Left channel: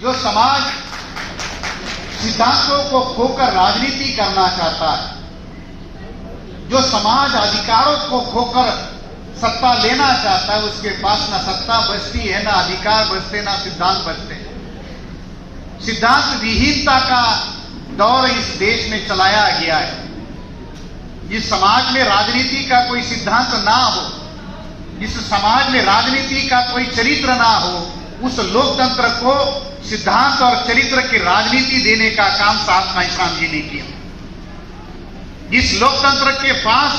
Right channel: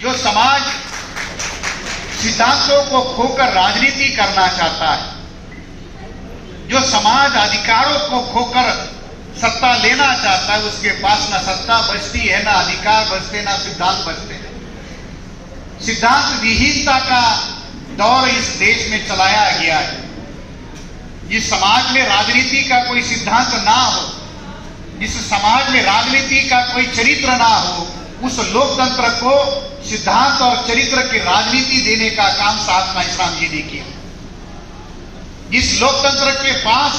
जो समाज सिद्धांतों को खोकर राजनीति करना चाहता है, जो समाज अधिकारों को खोकर सत्ता लेना चाहता है, उसके पास ना सत्ता बचती है, ना अधिकार बचते, ना सिद्धांत बचते हैं। सिद्धांत विहीनता का दौर इस देश में चलाया गया है। जिस समाज में राजनीति का कोई सिद्धांत ना हो, जिस समाज में राजनीति का कोई चरित्र ना हो, उस लोकतंत्र को सिद्धांत और चरित्र की राजनीति देने का काम साहब कांशीराम जी ने किया। जिस लोकतंत्र के पास,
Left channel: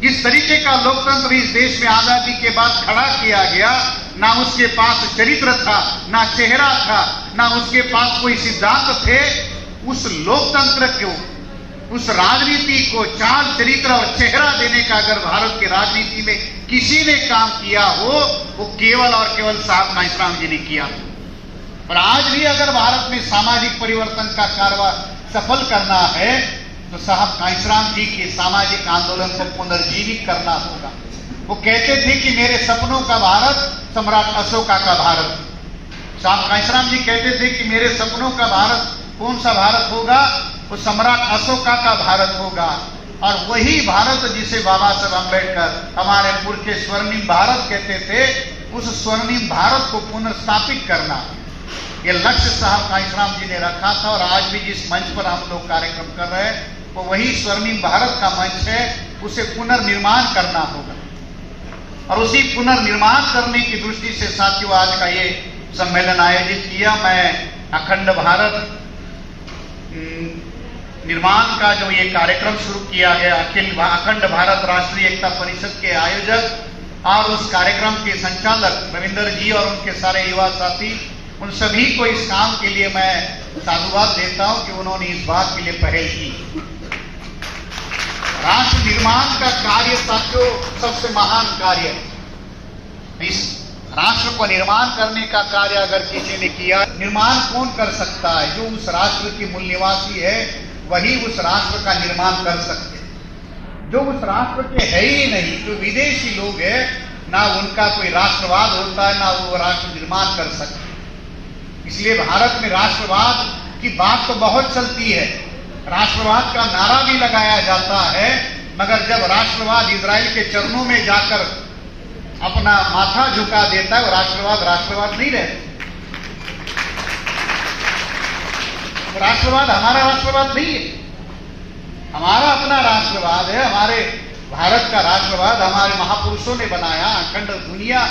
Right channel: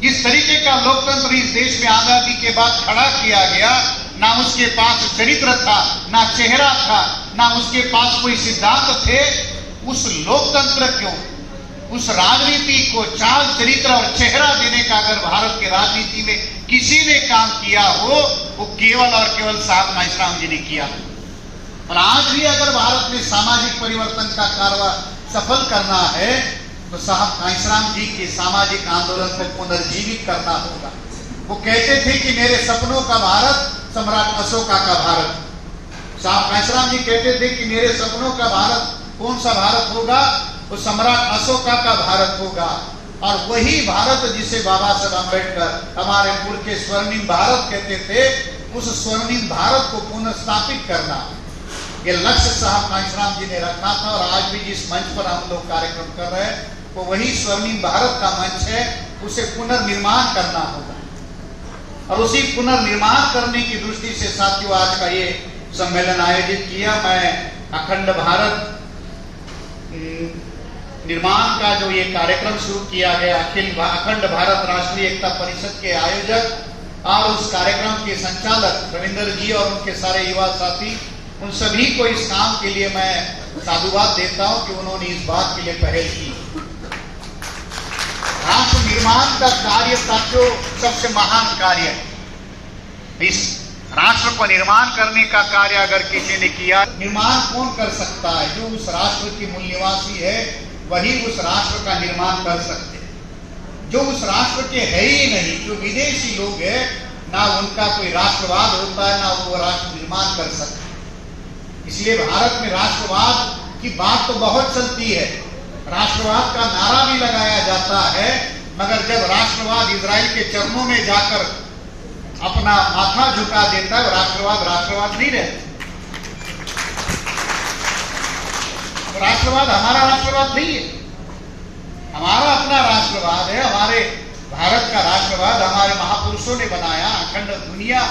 जिस तरीके का लोकतंत्र इस देश में आजादी के बाद खड़ा किया गया, ना उसके पास चरित्र था, ना चेहरा था, ना उसके पास कोई सिद्धांत थे, उस लोकतंत्र को, उस राजनीति को चाल, चरित्र और चेहरा देने का अगर भारत की राजनीति में किसी ने काम किया हो, वो केवल और केवल साहब कांशीराम जी ने किया। और आज भी अगर भारत में सामाजिक परिवर्तन का कारवां सफल करना है तो साहब कांशीराम जी के सामाजिक आंदोलन को पुनर्जीवित करना होगा। वो कहते थे कि मेरे सपनों का भारत सम्राट अशोका का भारत। साहब कांशीराम जी कहते थे कि मेरे सपनों का भारत कौन सा भारत होगा? वो सम्राट अशोका का भारत होगा। और वही भारत जिसे बाबा साहब अम्बेडकर हमारे पुरखे स्वर्णिम भारत कहते थे, उस स्वर्णिम भारत को पुनर्स्थापित करना, ये लक्ष्य साहब कांशीराम जी ने रखा था। और आज भी जिस मंच पर हम लोग कार्यक्रम कर रहे हैं वो वही स्वर्णिम भारत का मंच है, उसे पुनर्निर्माण करना होगा। और उसी पुनर्निर्माण करने की दृष्टि से साथियों आज का ये सम्मेलन आयोजित किया। मैं अखंड भारत निर्माण का जो ये कार्यक्रम शुरू किया गया, अखंड भारत राष्ट्रीय एकता परिषद के आयोजक और उस कार्यक्रम के संचालक रविंदर जी और उनके सारे युवा साथी, उन सभी को इस काम के लिए मैं साधुवाद देता हूं कि उन्होंने इस बात के लिए पहल की। राष्ट्र निर्माण का कार्य साथियों सबसे महान कार्य है। इस राष्ट्र को निर्माण करने का कार्य अगर किसी ने किया, निर्माण कौन कर सकता है? जो उस राष्ट्र की मूल निवासी है वही उस राष्ट्र का निर्माण कर सकते हैं। जो उस राष्ट्र के है ही नहीं, जो विदेशी लोग हैं, ना उनका कोई राष्ट्रवाद होता है, ना वो राष्ट्र निर्माण कर सकते। इसलिए भारत में राष्ट्रवाद की बात तो बहुत चलती है, राष्ट्रवाद का नारा भी लगाया जाता है, मगर जब राष्ट्रवाद इजराइल के चरणों में जाकर अपना माथा झुका देता है, वो राष्ट्रवाद नहीं रहता। राष्ट्रवाद हमारा राष्ट्रवाद नहीं है, हमारा अपना राष्ट्रवाद है। हमारे भारत का राष्ट्रवाद हमारे महापुरुषों ने बनाया। अखंड दुनिया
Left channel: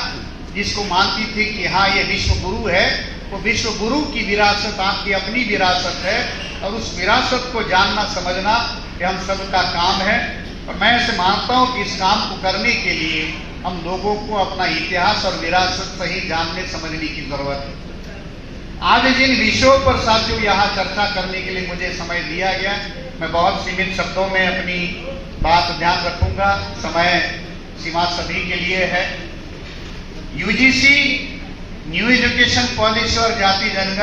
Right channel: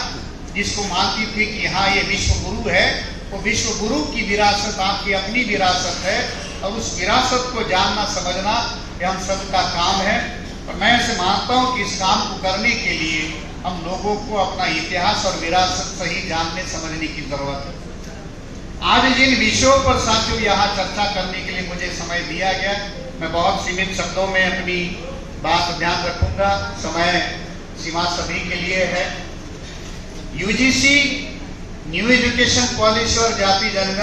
जिसको मानती थी कि हाँ ये विश्व गुरु है, वो विश्व गुरु की विरासत आपकी अपनी विरासत है। और उस विरासत को जानना समझना ये हम सबका काम है। और मैं ऐसे मानता हूँ कि इस काम को करने के लिए हम लोगों को अपना इतिहास और विरासत सही जानने समझने की जरूरत है। आज जिन विषयों पर साथियों यहाँ चर्चा करने के लिए मुझे समय दिया गया, मैं बहुत सीमित शब्दों में अपनी बात ध्यान रखूंगा। समय सीमा सभी के लिए है। यूजीसी न्यू एजुकेशन पॉलिसी और जाति जनगणना